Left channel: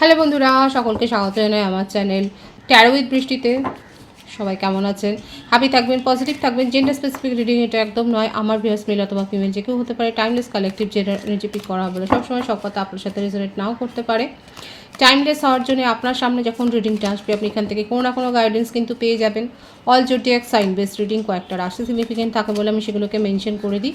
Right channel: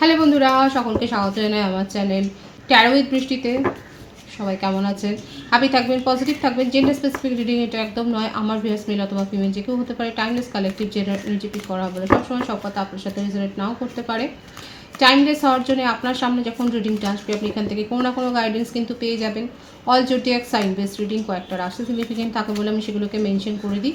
Hello বন্ধুরা, সকলকে স্বাগত জানাই আমার চ্যানেল ট্যারো উইথ বৃষ্টিতে সবাই কেমন আছেন? হ্যাপি থাকবেন পজিটিভ থাকবেন জেন্ডার স্পেসিফিক রিডিং এটা একদম নয়। আমার ভিউয়ার্স মেল অথবা ফিমেল যে কেউ হতে পারে timeless collective gender energy pick করা বলে সবসময় সব কথা আপনার সাথে রেজোনেট নাও করতে পারে। টাইমলেস হওয়ার জন্য আপনার সামনে যখন রিডিংটা আসবে, আপনি এখান থেকে কোনো না কোনো গাইডেন্স কিন্তু পেয়ে যাবেন। অল জোটি এক সাইন বেস রিডিং কয়েকটা রাশি সিগনিফিকেন্ট থাকে বলে আমি সেগুলোকে মেনশন করে দিই।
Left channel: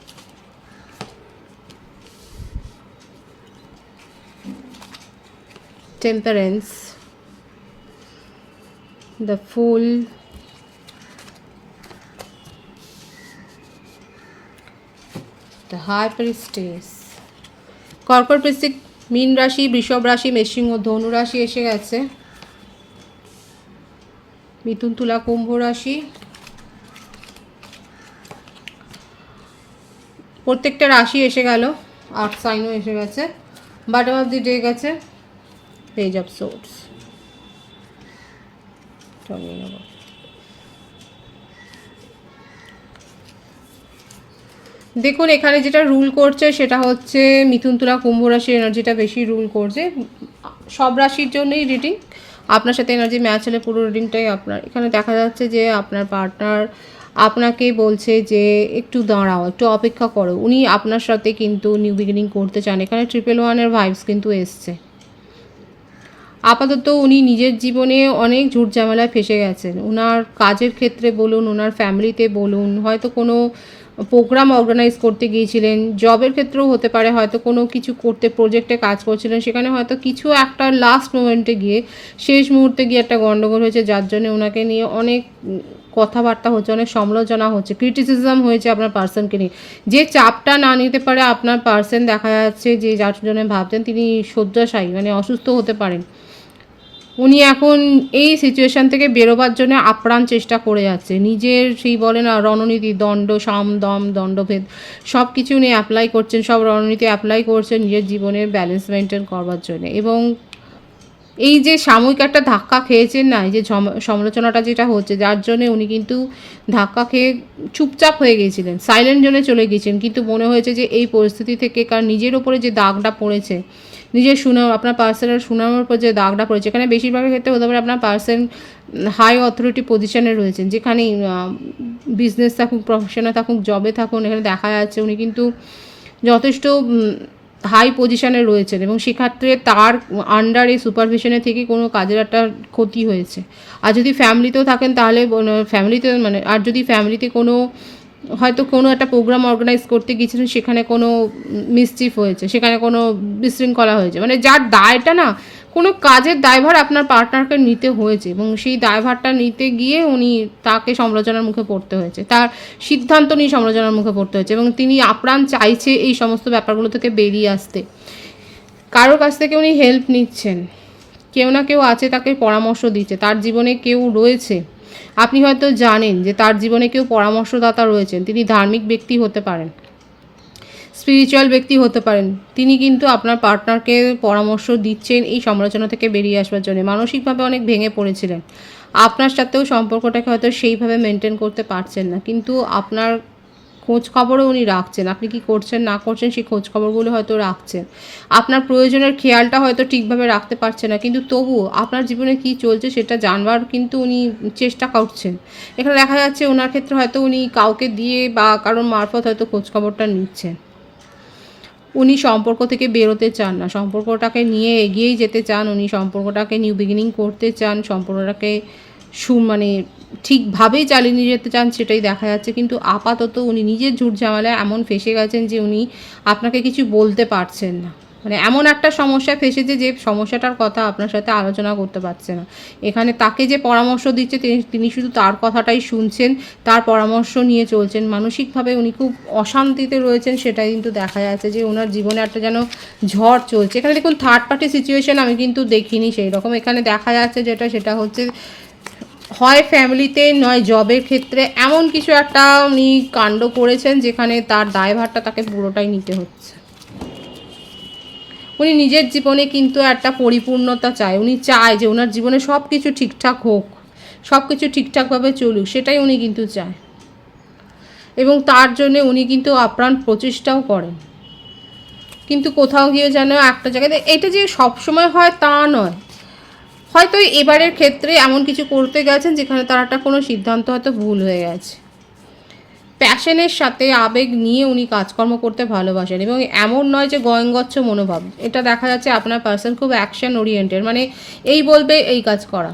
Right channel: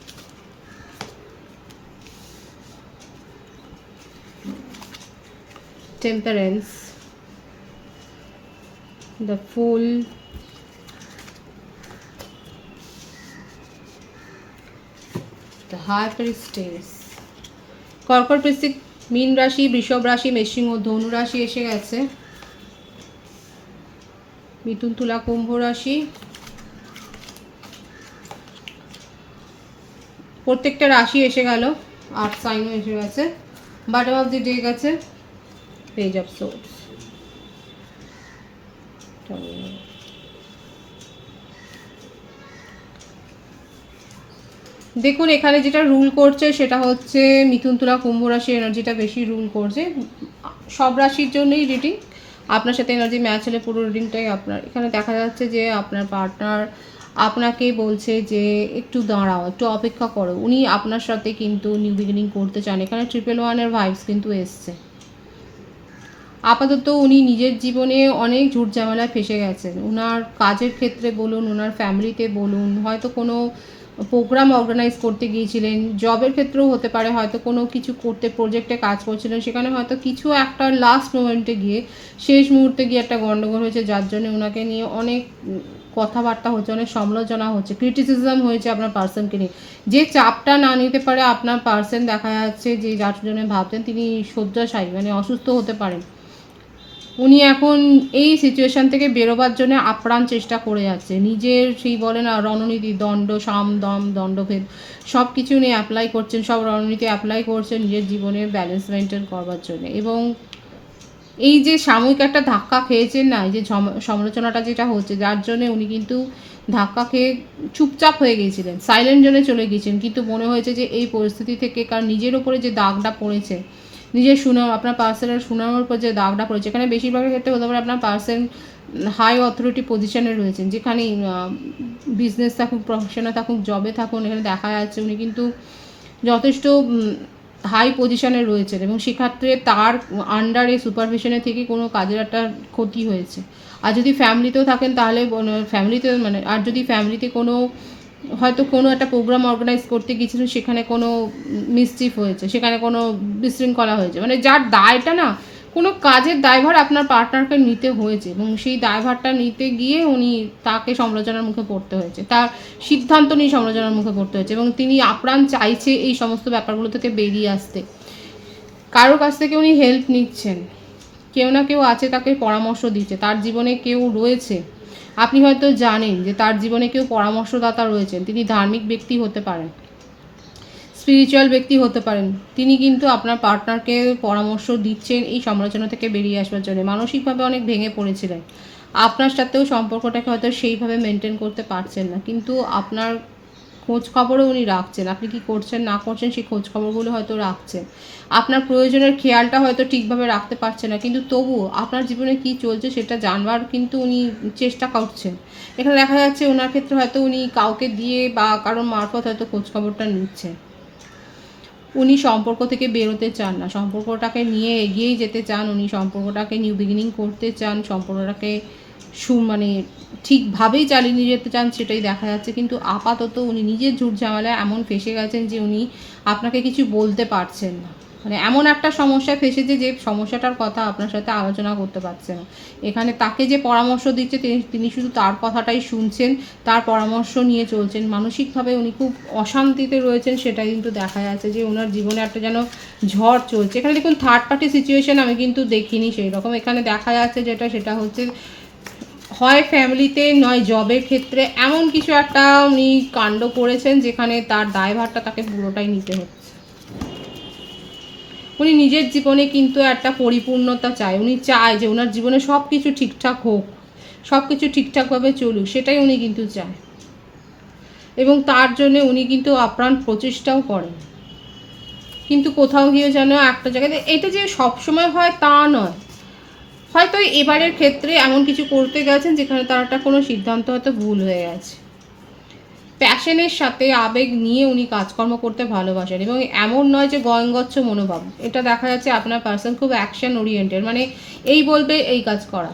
Temperance, the fool the high priestess. কর্কট বৃশ্চিক মীন রাশি, বৃষভ রাশি ও ধনু রাশি এসে গেছে। মিথুন, তুলা, কুম্ভ রাশি। প্রত্যেকটা রাশি এসে গেল, আট সাইনও এসে গেছে। বাটম অফ দি ডে গেছে। পেজ অফ সোর্স দেখুন, এখানে যেটা রুল করছে সেটা হচ্ছে মিথুন তুলা কুম্ভ রাশির এনার্জিটা বেশি রুল করছে। সব রাশির জন্যই রিডিং আপনার সাথে এনার্জি ম্যাচ হলে পুরো রিডিংটাই আপনার। এখানে দেখা যাচ্ছে যে আপনার পার্টনার আপনাকে বলছে যে একটু দাঁড়াও, একটু অপেক্ষা করো। উনি আপনার সাথে কিন্তু নিউ বিগিনিং করতে চান। এখানে ট্রিপল ওয়ানের ভাইবস কিন্তু এসছে। আপাতত উনি নিজের জীবনে অনেক ঝুট ঝামেলায় ফেসে গেছেন। ওনার কাজের ক্ষেত্রে বলুন ওনার ফ্যামিলিতে বলুন, হয়তো কোনো প্রোগ্রাম অর্গানাইজ করতে গিয়েছিলেন, জবের ক্ষেত্রেও হতে পারে, হয়তো কোনো কিছু করতে, প্রজেক্টে কাজ করছিলেন, সেখানে হয়তো কিছু একটা লাস্ট মোমেন্টে গিয়ে, শেষ মুহূর্তে গিয়ে একটা গণ্ডগোল হয়েছে, যার জন্য ওনাকে নিয়ে অনেক কথাবার্তা হচ্ছে, অনেক সমালোচনা হচ্ছে ক্রিটিসিজম হয়েছে আপনার পার্সনকে নিয়ে। যে চাপটা না নিতে পারে আপনার পার্সন দেখা যাচ্ছে যে যার জন্য ভাবছেন, তিনি শয্যাশায়ী মানে অসুস্থ হতে পারেন। উনি এখন এই সিচুয়েশান থেকে বেরোবার জন্য আপ্রাণ চেষ্টা করে যাচ্ছে। নিজের সেই বলে না, রণনীতি, দণ্ড, সাম, দম, দণ্ডভেদ সব কিছু উনি অ্যাপ্লাই করছেন, সব রণনীতি অ্যাপ্লাই করছেন নিজের জীবনের ব্যালেন্স মেনটেন করবার জন্য। এবং এই যে সাময়িক একটা ধাক্কা খেয়েছেন না, এই যে সম- সমালোচনাটা যেটা হচ্ছে, যার জন্য উনি কিন্তু ধাক্কা খেয়ে চুপচাপ হয়ে গিয়েছিলেন সাইলেন্ট জোনে চলে গিয়েছেন। কিন্তু মনে হয়েছে যে এই পরিস্থিতি থেকে কারণ নিজের ওপরে যে দাগটা পড়েছে নিজের সুনাম, আপনার পার্সনের সুনামের উপর যে দাগটা পড়েছে। এখানে বেশিরভাগের ক্ষেত্রে হতে পারে আপনার পার্সন হাই অথরিটি পজিশনে রয়েছেন, যেখানে বিজনেস থাকুক প্রফেশনে থাকুক জবে থাকুন এখানে দেখা যাচ্ছে উনি কিন্তু যথেষ্ট হাই পজিশনে রয়েছেন এবং সেক্ষেত্রে তার আন্ডারে সুপারভিশনে থেকে কোনো কাজের একটা ক্ষতি হয়েছে। আর যদি ফ্যামিলিতেও থাকেন তাহলে ফ্যামিলিতে মানে আর যদি ফ্যামিলিতে কোনো হয়তো কোনো একটা প্রোগ্রাম অর্গানাইজ করতে গিয়েছিলেন, সেখানে কোনো মিসচিফ হয়েছে, সেখানে কোনো বিশৃঙ্খলা হয়েছে। মানে যার দায়টা না, কোনো কাজের দায়ভার আপনার পার্টনারকে নিতে হয়েছে এবং সেই দায়ভারটা নিতে গিয়ে উনি তাকে সমালোচনার মুখে পড়তে হয়েছে, তার সিদ্ধান্ত নিয়ে সমালোচনার মুখে পড়তে হয়েছে এবং তিনি আপ্রাণ চাইছে এই সমস্ত ব্যাপারগুলো থেকে বেরিয়ে আসতে। কারোর কাছ থেকে উনি হেল্প নিচ্ছেন। কেউ না কেউ আছে তাকে পরামর্শ দিচ্ছে, তার জীবনে কেউ রয়েছে। আপনি হয়তো জানেন যে তার জীবনে কেউ পরামর্শদাতা রয়েছেন। তিনি ধার্মিক ব্যক্তি হতে পারেন। স্পিরিচুয়াল ব্যক্তি হতে পারেন। তিনি কিন্তু আপনার পার্টনারকে পরামর্শ দিচ্ছেন এই সমালোচনা থেকে বেরিয়ে আসবার জন্য। মানসিকভাবে অনেক ভেঙে পড়েছিলেন। আপনার সাথেও সম্পর্কটাকে হয়তো সেইভাবে মেনটেন করতে পারছেন না। কিন্তু আপনার খোঁজ খবরও উনি রাখছেন। আপনি কি করছেন, না করছেন সেই খোঁজ খবরগুলো হয়তো রাখছেন। আপনার প্রয়োজনের খেয়ালটা হয়তো ঠিকভাবে রাখতে পারছে না। কিন্তু তবুও আপনার জীবনে কি চলছে সেটা জানবার কিন্তু উনি চেষ্টা করছেন। এখানে দেখা যাচ্ছে ওনার ক্ষেত্রে হয়তো উনি কাউকে দিয়ে বা কারোর মারফত হয়তো খোঁজখবরটা নিচ্ছেন। উনি সম্পর্ক থেকে বেরোতে চান না। সম্পর্কটাকে নিয়ে এগিয়েই যেতে চান উনি, সম্পর্কটাকে নিউ বিগিনিং করতে চান, সম্পর্কটাকে সু মানে ঠিকভাবেই চালিয়ে নিয়ে যেতে চান সেটাই দেখা যাচ্ছে। কিন্তু আপাতত উনি নিজের ঝুট ঝামেলায় এমন ফেসে গেছেন যে উনি আপনাকে কিছু বলতে পারছেন না। মানে এমন একটা সমস্যা ফেসেছে যে সমস্যাটার কথা আপনার সাথে আলোচনা করতে পারছে না। এখানে তাকে যে পরামর্শ দিচ্ছে, তিনি শুধু তার কথাটাই শুনছেন, তার পরামর্শ নিয়ে চলছেন। মানসিকভাবে উনি খুব অশান্তিতে রয়েছেন, সেটাই কিন্তু দেখা যাচ্ছে যে ওনার জীবনে একটা যেন ঝড় চলছে। এখানে দেখুন থার্ড পার্টি সিচুয়েশন আমি কিন্তু দেখিনি সেই রকম এখানে দেখা যাচ্ছে যেটা, সেটা হচ্ছে হয় ফ্যামিলিতে নয় জবের ক্ষেত্রে এমন কিছু একটা উনি কাণ্ড করেছেন, যেখানে তার দায়ভারটা তাকে পুরোটাই নিতে হচ্ছে। উনি নিজের জীবনে কিন্তু একটা পরিপূর্ণতা চায়। উনি চায় যে ওনার জীবনে সব কিছু ঠিকঠাক হোক সব কিছু ঠিকঠাকভাবে চলুক, সেটাই উনি কিন্তু চায়। এবং তার জন্য উনি কিন্তু আপ্রাণ প্রচেষ্টাও করেন। কিন্তু কোথাও গিয়ে যেন একটা জায়গাতে, এটা যে সব সময় হয় তা নয়। হয়তো এবারের ক্ষেত্রে এমন কিছু করতে গেছেন যেখানে তার একটা কোনো সিদ্ধান্ত হয়তো ভুল হয়ে গেছে। প্যাশনের সাথে আবেগ নিয়ে উনি কাজকর্ম করতে ভালোবাসেন এবং এমন নয় যে গয়ঙ্গচ্ছ মনোভাব। এটা দেখা যাচ্ছে আপনার পার্সন খুব অ্যাকশন ওরিয়েন্টেড মানে এই বলবে, এই কাজ করা।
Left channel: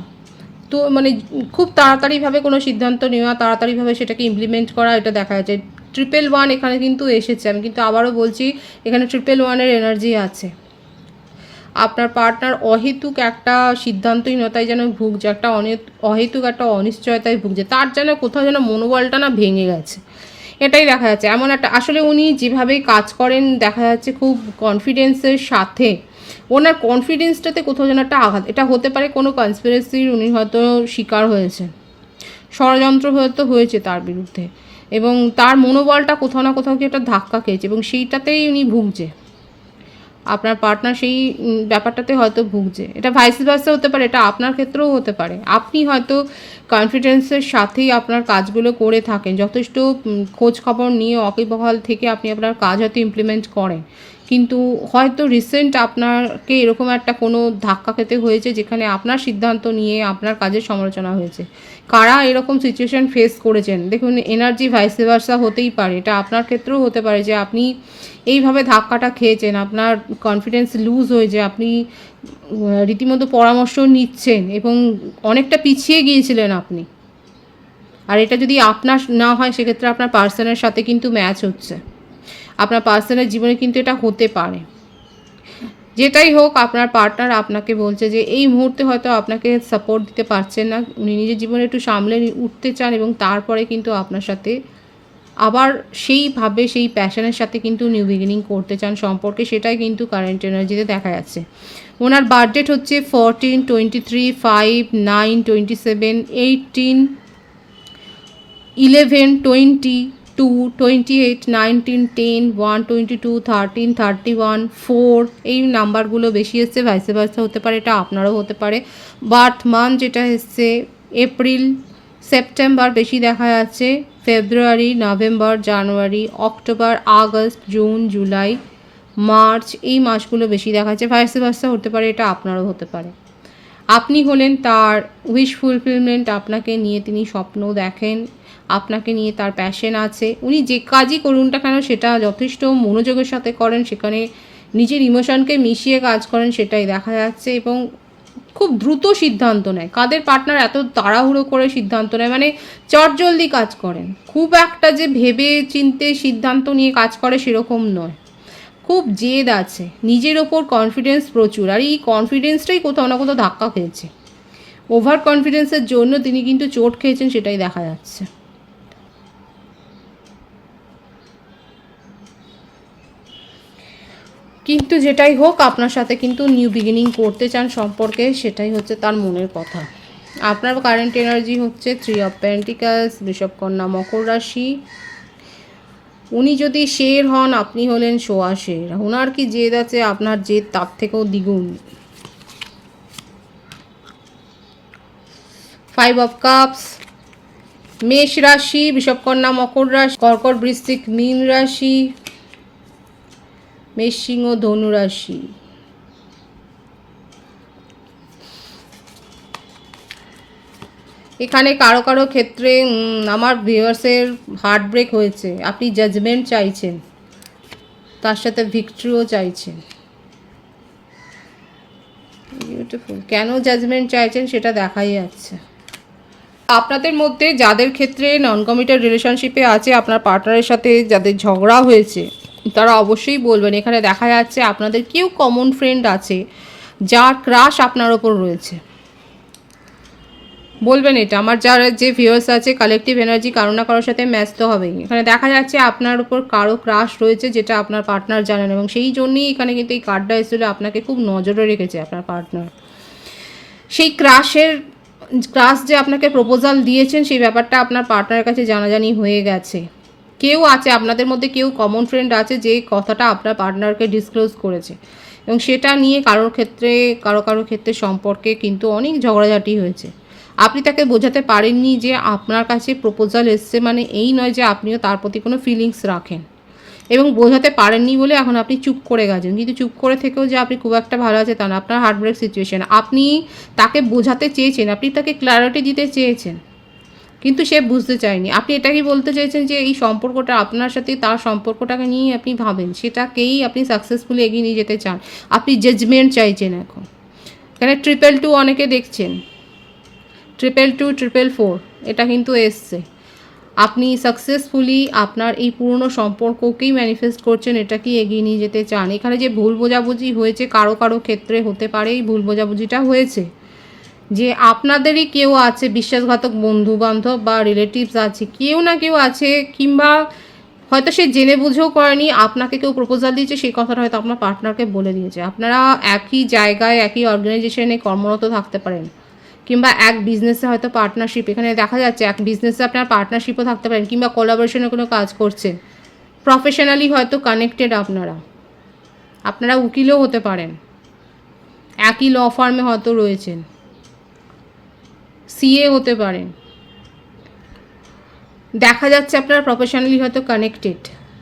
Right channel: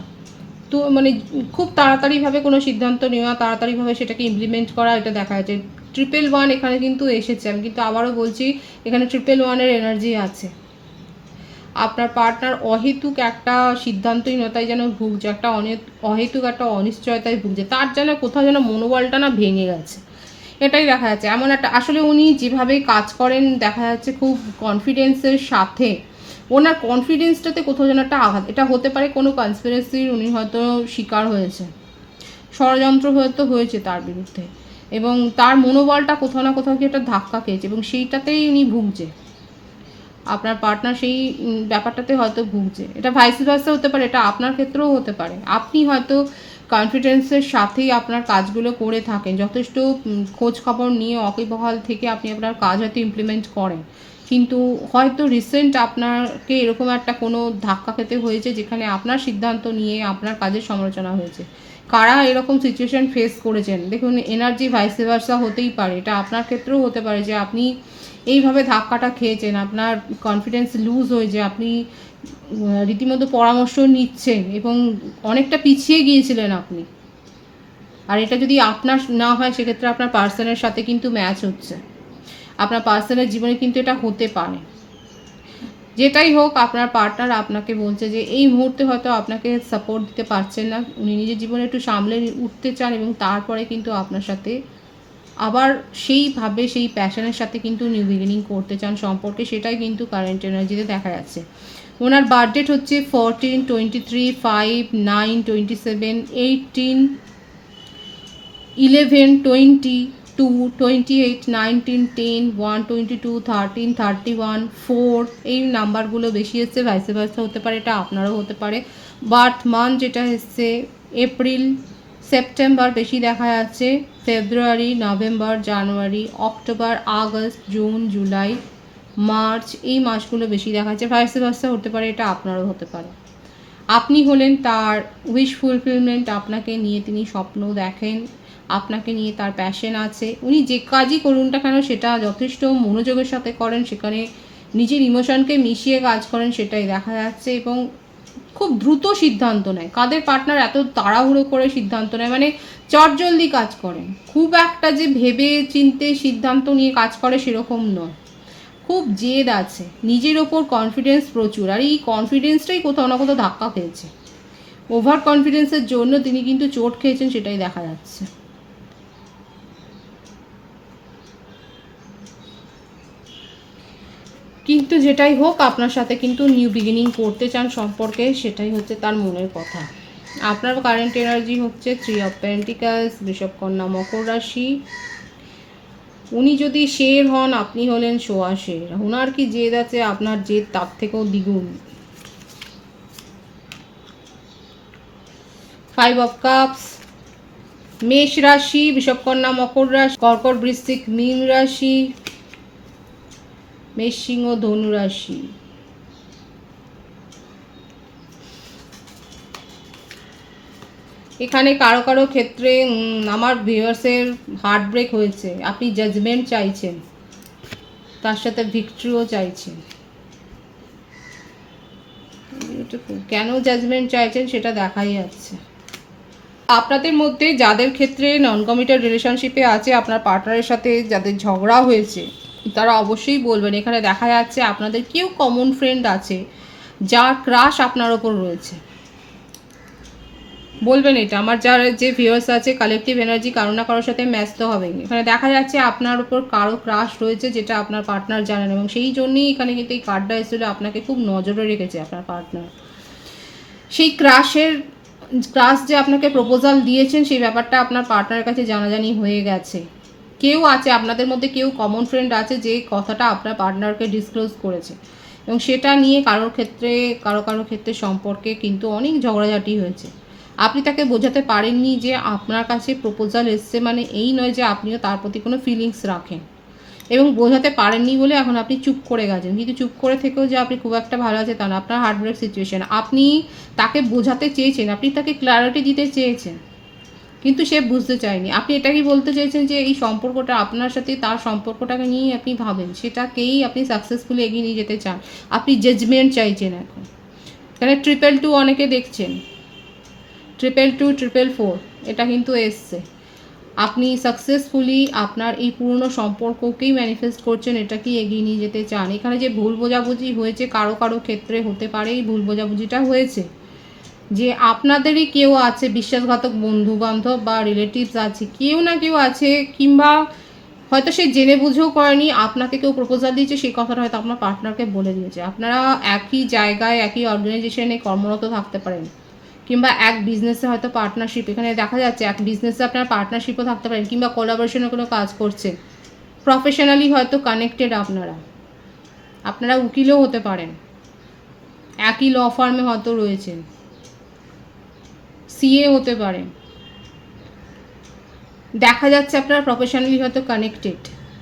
তো মানে খুব তাড়াতাড়িভাবে কোনো সিদ্ধান্ত নেওয়া, তাড়াতাড়িভাবে সেটাকে ইমপ্লিমেন্ট করা, এটা দেখা যাচ্ছে। ট্রিপল ওয়ান এখানে কিন্তু এসেছে। আমি কিন্তু আবারও বলছি, এখানে ট্রিপল ওয়ানের এনার্জি আছে। আপনার পার্টনার অহেতুক একটা সিদ্ধান্তহীনতায় যেন ভুগছে। একটা অহেতুক একটা অনিশ্চয়তায় ভুগছে। তার যেন কোথাও যেন মনোবলটা না ভেঙে গেছে। এটাই দেখা যাচ্ছে। এমন একটা আসলে উনি যেভাবে কাজ করেন, দেখা যাচ্ছে খুব কনফিডেন্সের সাথে। ওনার কনফিডেন্সটাতে কোথাও যেন একটা আঘাত। এটা হতে পারে কোনো কনস্পিরেসির উনি হয়তো শিকার হয়েছে ষড়যন্ত্র হয়তো হয়েছে তার বিরুদ্ধে। এবং তার মনোবলটা কোথাও না কোথাও কি একটা ধাক্কা খেয়েছে এবং সেইটাতেই উনি ভুগছে। আপনার পার্টনার সেই ব্যাপারটাতে হয়তো ভুগছে। এটা ভাইস ভার্সা হতে পারে, এটা আপনার ক্ষেত্রেও হতে পারে। আপনি হয়তো কনফিডেন্সের সাথেই আপনার কাজগুলো করে থাকেন। যথেষ্ট খোঁজ খবর নিয়ে অকিবহাল থেকে আপনি আপনার কাজ হয়তো ইমপ্লিমেন্ট করেন। কিন্তু হয়তো রিসেন্ট আপনাকে এরকম একটা কোনো ধাক্কা খেতে হয়েছে যেখানে আপনার সিদ্ধান্ত নিয়ে আপনার কাজের সমালোচনা হয়েছে। কারা এরকম সিচুয়েশন ফেস করেছেন? দেখুন এনার্জি ভাইস ভার্সা হতেই পারে। এটা আপনার ক্ষেত্রেও হতে পারে যে আপনি এইভাবে ধাক্কাটা খেয়েছেন, আপনার কনফিডেন্স লুজ হয়েছে আপনি রীতিমতো পরামর্শ নিচ্ছেন এবং অনেকটা পিছিয়ে গিয়েছিলেন আপনি। আর এটা যদি আপনার না হয়, সেক্ষেত্রে আপনার পার্সনের সাথে কিন্তু ম্যাচ হচ্ছে। আপনার পার্সনের জীবনে কিন্তু এটা হতে পারে। যেটাই হোক, আপনার পার্টনার আপনাকে বলছে যে, এই মুহূর্তে হয়তো আপনাকে সাপোর্ট দিতে পারছেন না। উনি নিজের জীবনে একটু সামলে উঠতে চান এবং তারপরে কিন্তু আপনার সাথে আবার সেইভাবে সেই প্যাশনের সাথে কিন্তু নিউ বিগিনিং করতে চান সম্পর্কে, সেটাই কিন্তু কারেন্ট এনার্জিতে দেখা যাচ্ছে। ওনার বার্থডেট হচ্ছে fourteen twenty three five nine twenty seven eighteen eleven twenty two twenty eight nineteen ten one twenty two thirteen thirty one four এই নাম্বারগুলো বেশি এসছে ভাইসে ভাইসে হতে পারে, এটা আপনারও হতে পারে। বার্থ মান্থ যেটা এসছে এপ্রিল সেপ্টেম্বর বেশি দেখা যাচ্ছে February November January October August June July March, এই মাসগুলো বেশি দেখা যাচ্ছে ভাইসে ভাইসে হতে পারে, এটা আপনারও হতে পারে। আপনি হলেন তার উইশ ফুলফিলমেন্ট আপনাকে নিয়ে তিনি স্বপ্ন দেখেন, আপনাকে নিয়ে তার প্যাশন আছে। উনি যে কাজই করুন না কেন, সেটা যথেষ্ট মনোযোগের সাথে করেন, সেখানে নিজের ইমোশনকে মিশিয়ে কাজ করেন, সেটাই দেখা যাচ্ছে এবং খুব দ্রুত সিদ্ধান্ত নেয়। কাদের পার্টনার এত তাড়াহুড়ো করে সিদ্ধান্ত নেয়? মানে চটজলদি কাজ করেন। খুব একটা যে ভেবে চিনতে সিদ্ধান্ত নিয়ে কাজ করে সেরকম নয়। খুব জেদ আছে। নিজের ওপর কনফিডেন্স প্রচুর। আর এই কনফিডেন্সটাই কোথাও না কোথাও ধাক্কা খেয়েছে। ওভার কনফিডেন্সের জন্য তিনি কিন্তু চোট খেয়েছেন সেটাই দেখা যাচ্ছে। কিন্তু যেটাই হোক, আপনার সাথে কিন্তু নিউ বিগিনিং করতে চান সম্পর্কে, সেটাই হচ্ছে তার মনের কথা। আপনার কারেন্ট এনার্জি হচ্ছে থ্রি অফ পেন্টিকালস বৃষভ মকর রাশি উনি যদি শের হন, আপনি হলেন সোয়া শের। ওনার কি জেদ আছে? আপনার জেদ তার থেকেও দ্বিগুণ। ফাইভ অফ কাপস মেষ রাশি বিষবকন্যা মকর রাশি, কর্কট বৃশ্চিক মীন রাশি, মেষ সিংহ ধনু রাশি। এখানে কারও কারও ক্ষেত্রে আমার ভিউয়ার্সের হার্ট ব্রেক হয়েছে। আপনি জাজমেন্ট চাইছেন। তার সাথে ভিক্টরিও চাইছেন। বিউটিফুল কেন জাজমেন্ট চাইছেন সেটা দেখাই যাচ্ছে। আপনাদের মধ্যে যাদের ক্ষেত্রে নন কমিটেড রিলেশনশিপে আছে, আপনার পার্টনারের সাথে যাদের ঝগড়া হয়েছে, তারা অবশ্যই বলবেন। এখানে দেখা যাচ্ছে আপনাদের কেউ কমন ফ্রেন্ড আছে, যার ক্রাশ আপনার ওপর রয়েছে। বলবেন এটা। আমার যার যে ভিউয়ার্স আছে কালেকটিভ এনার্জি কারও না কারোর সাথে ম্যাচ তো হবেই। এখানে দেখা যাচ্ছে আপনার উপর কারও ক্রাশ রয়েছে যেটা আপনার পার্টনার জানেন এবং সেই জন্যই এখানে কিন্তু এই কার্ডটা এসেছিল। আপনাকে খুব নজরে রেখেছে আপনার পার্টনার সেই ক্রাশের ক্রাশ যে আপনাকে প্রপোজাল দিয়েছেন, সেই ব্যাপারটা আপনার পার্টনারের কাছে জানাজানি হয়ে গেছে। কেউ আছে, আপনাদের মধ্যে কেউ কমন ফ্রেন্ড আছে যে কথাটা আপনার পার্টনারকে ডিসক্লোজ করেছে। এবং সেটা নিয়ে কারোর ক্ষেত্রে, কারও কারও ক্ষেত্রে সম্পর্কে কিন্তু অনেক ঝগড়াঝাটি হয়েছে। আপনি তাকে বোঝাতে পারেননি যে আপনার কাছে প্রপোজাল এসছে মানে এই নয় যে আপনিও তার প্রতি কোনো ফিলিংস রাখেন। এবং বোঝাতে পারেননি বলে এখন আপনি চুপ করে গেছেন। কিন্তু চুপ করে থেকেও যে আপনি খুব একটা ভালো আছে তা না, আপনার হার্টব্রেক সিচুয়েশন আপনি তাকে বোঝাতে চেয়েছেন, আপনি তাকে ক্ল্যারিটি দিতে চেয়েছেন, কিন্তু সে বুঝতে চায়নি। আপনি এটাকেই বলতে চাইছেন যে এই সম্পর্কটা আপনার সাথে, তার সম্পর্কটাকে নিয়েই আপনি ভাবেন। সেটাকেই আপনি সাকসেসফুলি এগিয়ে নিয়ে যেতে চান। আপনি জাজমেন্ট চাইছেন এখন। এখানে ট্রিপল টু অনেকে দেখছেন। ট্রিপল টু ট্রিপল ফোর এটা কিন্তু এসছে। আপনি সাকসেসফুলি আপনার এই পুরনো সম্পর্ককেই ম্যানিফেস্ট করছেন এটাকেই এগিয়ে নিয়ে যেতে চান? এখানে যে ভুল বোঝাবুঝি হয়েছে কারও কারও ক্ষেত্রে হতে পারে, এই ভুল বোঝাবুঝিটা হয়েছে। যে আপনাদেরই কেউ আছে, বিশ্বাসঘাতক বন্ধু বান্ধব বা রিলেটিভস আছে, কেউ না কেউ আছে, কিংবা হয়তো সে জেনে বুঝেও করেনি, আপনাকে কেউ প্রপোজাল দিয়েছে, সেই কথাটা হয়তো আপনার পার্টনারকে বলে দিয়েছে। আপনারা একই জায়গায়, একই অর্গানাইজেশনে কর্মরত থাকতে পারেন। কিংবা এক বিজনেসে হয়তো পার্টনারশিপ এখানে দেখা যাচ্ছে এক বিজনেসে আপনার পার্টনারশিপও থাকতে পারেন কিংবা কোলাবোরেশনে কোনো কাজ করছে। প্রফেশনালি হয়তো কানেক্টেড আপনারা। আপনারা উকিলও হতে পারেন। একই ল ফার্মে হয়তো রয়েছেন। সিএ হতে পারেন। দেখা যাচ্ছে আপনার প্রফেশনালি হয়তো কানেক্টেড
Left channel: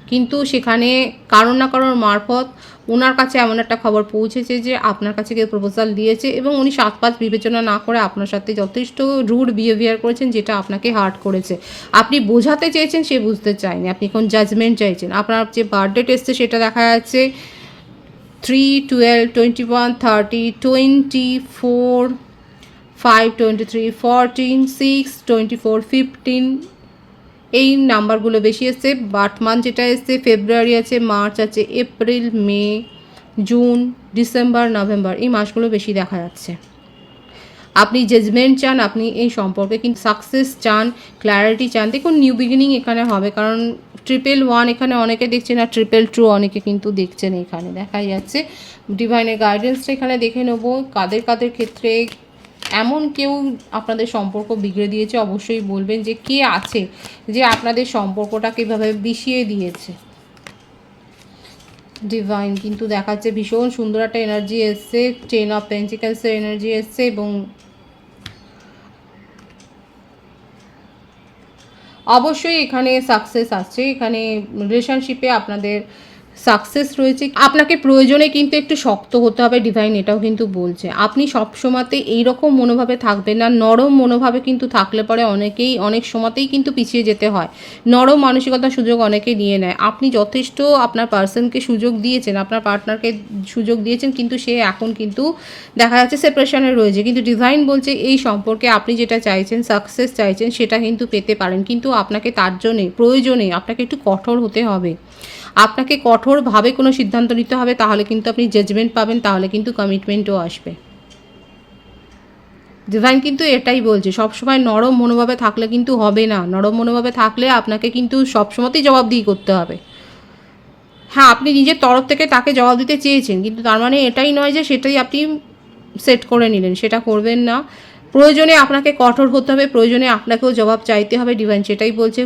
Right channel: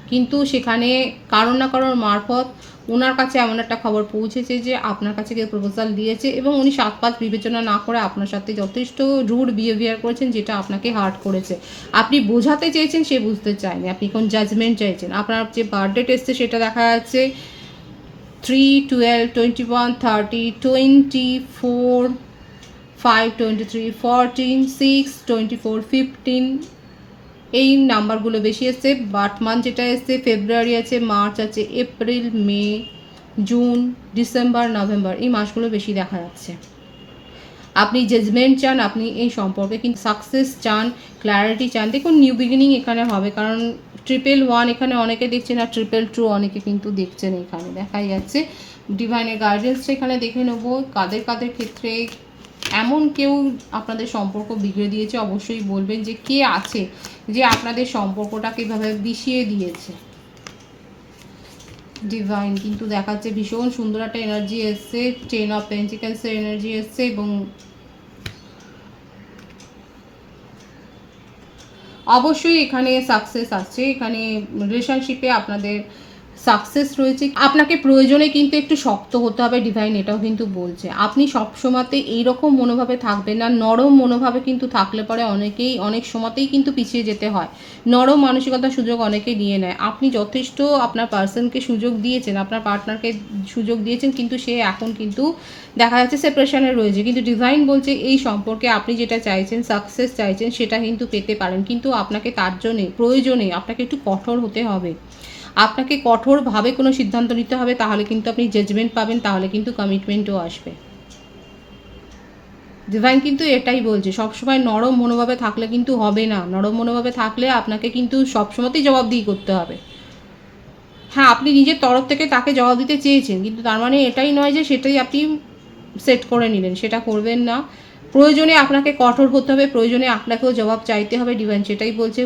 কিন্তু সেখানে কারোর না কারোর মারফত ওনার কাছে এমন একটা খবর পৌঁছেছে যে আপনার কাছে কেউ প্রপোজাল দিয়েছে এবং উনি সাত পাঁচ বিবেচনা না করে আপনার সাথে যথেষ্ট রুড বিহেভিয়ার করেছেন যেটা আপনাকে হার্ট করেছে। আপনি বোঝাতে চেয়েছেন সে বুঝতে চায়নি। আপনি কোন জাজমেন্ট চাইছেন। আপনার যে বার্থডে এসছে সেটা দেখা যাচ্ছে three twelve twenty one thirty twenty four five twenty three fourteen six twenty four fifteen এই নাম্বারগুলো বেশি এসছে। বার্থ মান্থ যেটা এসছে, ফেব্রুয়ারি আছে, মার্চ আছে, April, May, June, December, November, এই মাসগুলো বেশি দেখা যাচ্ছে। আপনি জাজমেন্ট চান, আপনি এই সম্পর্কে কিন্তু সাকসেস চান ক্ল্যারিটি চান। দেখুন নিউ বিগিনিং এখানে হবে, কারণ ট্রিপল ওয়ান এখানে অনেকে দেখছেন আর ট্রিপল টু অনেকে কিন্তু দেখছেন এখানে। দেখা যাচ্ছে ডিভাইনের গাইডেন্সটা এখানে দেখে নেব, কাদের কাদের ক্ষেত্রে এমন কেউ আপনাদের সম্পর্ক বিগড়ে দিয়েছে, অবশ্যই বলবেন যে কে আছে যে আপনাদের সম্পর্কটা কীভাবে বিষিয়ে দিয়েছে। ডিভাইন কিন্তু দেখাচ্ছে ভীষণ সুন্দর একটা এনার্জি এসছে টেন অফ পেন্টিকালসের এনার্জি এসছে এবং অবশ্যই এখানে সাকসেস আছে এখানে রিলেশনশিপে আপনাদের সাকসেস রয়েছে। আপনাকে প্রয়োজনে কিন্তু একটু শক্ত হতে হবে ডিভাইন এটাও কিন্তু বলছে। আপনি সব সময়তে এইরকম মনোভাবে থাকবেন না, নরম মনোভাবে কিন্তু থাকলে পরে অনেকেই, অনেক সময়তেই কিন্তু পিছিয়ে যেতে হয়। নরম মানসিকতার সুযোগ অনেকে নিয়ে নেয়। আপনি যথেষ্ট আপনার পার্সনকে সুযোগ দিয়েছেন, আপনার পার্টনারকে সুযোগ দিয়েছেন, কিন্তু সে এখন কিন্তু দেখা যাচ্ছে সেপারেশনে রয়েছে। কিন্তু ডিভাইন বলছে এই সম্পর্কে আপনি যেটা চাইছেন সাকসেস চাইছেন, সেটা কিন্তু পেতে পারেন। কিন্তু আপনাকে তার জন্যে, প্রয়োজনে আপনাকে একটু কঠোর হতে হবে। আপনাকে কঠোরভাবে কোনো সিদ্ধান্ত নিতে হবে, তাহলে কিন্তু আপনি জাজমেন্ট পাবেন, তাহলে কিন্তু কমিটমেন্টও আসবে। ডিভাইন কিন্তু এটাই বলছে, সবসময় নরম মনোভাবে থাকলে কিন্তু হবে না। নরম মনোভাবে থাকলে আপনাকে কিন্তু সবসময়তেই জবাবদিহি করতে হবে। হ্যাঁ আপনি নিজের তরফ থেকে তাকে জবাব দিতে চেয়েছেন, কিন্তু তার মানে এটাই নয় যে সেটাই আপনি সেট করে নিলেন, সেটা করবেন না। প্রয়োজনে আপনাকে কঠোর হতে হবে, প্রয়োজনে আপনাকেও জবাব চাইতে হবে ডিভাইন সেটাই বলছে।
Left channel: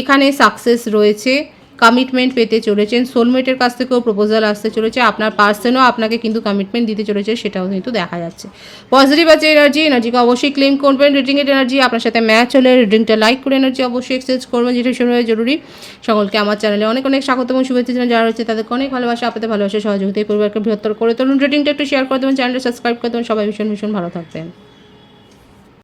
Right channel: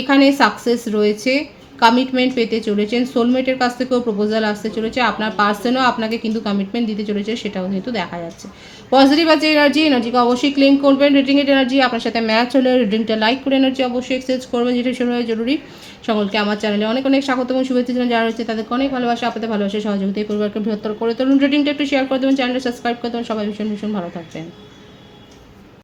এখানে সাকসেস রয়েছে। কমিটমেন্ট পেতে চলেছেন। সোলমেটের কাছ থেকেও প্রপোজাল আসতে চলেছে। আপনার পার্সনও আপনাকে কিন্তু কমিটমেন্ট দিতে চলেছে, সেটাও কিন্তু দেখা যাচ্ছে। পজিটিভ আছে এনার্জি এনার্জিকে অবশ্যই ক্লেম করবেন। রিডিং রিডিংয়ের এনার্জি আপনার সাথে ম্যাচ হলে রিডিংটা লাইক করে এনার্জি অবশ্যই এক্সচেঞ্জ করবেন। যেটা ভীষণভাবে জরুরি। সকলকে আমার চ্যানেলে অনেক অনেক স্বাগত এবং শুভেচ্ছা জানান যারা রয়েছে তাদেরকে অনেক ভালোবাসা, আপনাদের ভালোবাসা, সহযোগিতা পরিবারকে বৃহত্তর করে তুলুন। রিডিংটা একটু শেয়ার করে দেবেন চ্যানেলটা সাবস্ক্রাইব করে দেবেন। সবাই ভীষণ ভীষণ ভালো থাকবেন।